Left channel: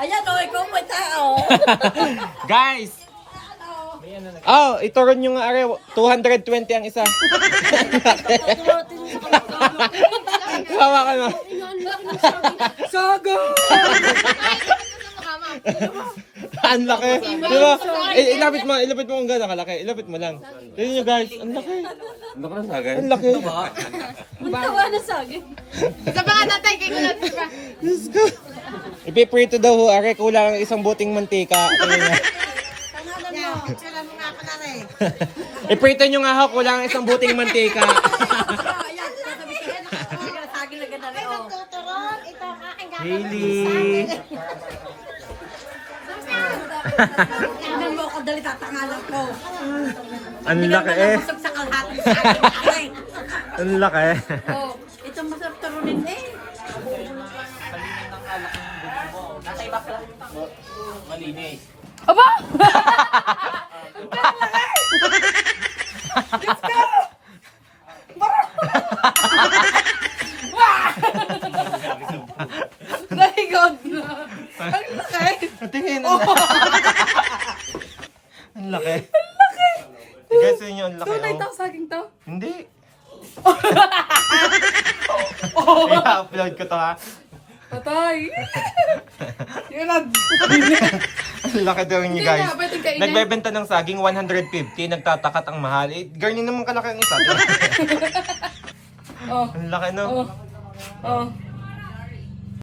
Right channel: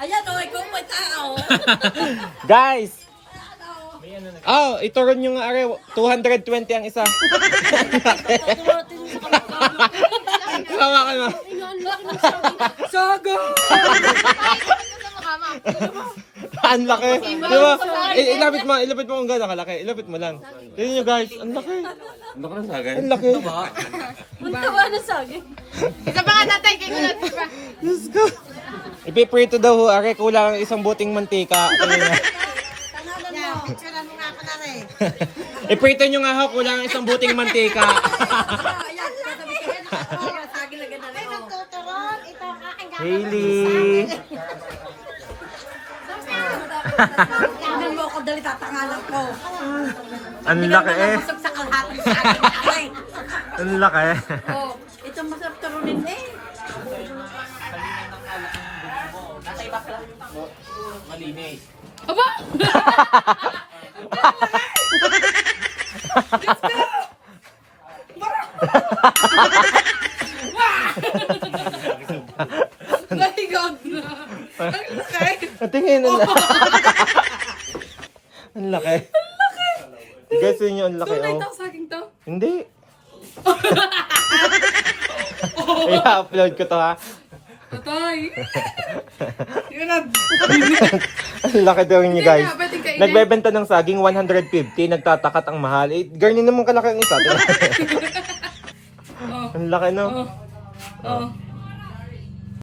Ayan o, ikaw may tao. Guys! Oh, ito rin yung are 220 ang isa. Kawa ka na. Sago! Ang laki. Diba? Ilapit mo kung gano'n kalaki. Ilapit mo lang. Tignan nyo guys, ang laki. Ano ka na sagay? Ang laki. Ang tawa na saging. Isa pa nga natin, kaya ko natin pa. Let's go. Ipiprito daw ho, are kulang ang isang buting mantika. Tingnan nyo. Kailan mo nga ako na rin. Iprito nyo nga ho, kulang ang isang buting mantika. Ayan, katabi ka yan. Saging na ganda rin. Oh. Tuturon, ito ang aking gagawin. Hailey! Tingnan mo ako, dali tatangalan ko. Ang laki eh. Busog sa kalahati sa akin. Ang laki. Oh, ito masarap tarunin eh. Malinis. Aba! Naligot na. Ang laki. Tingnan nyo. Ang laki. Ang laki. Guys, yun yung ang laki. Tunay oh. to, saging to. Hindi. I-upload ko to ha. Patay. Yun na. Ang laki daw niya Hindi guys. nga, pwedeng kainin. Nagbebenta ng saging 150, nagtatakat ang mahal. Eh, garnin naman kalaki ang isa. Oh, Ang laki no. oh, oh.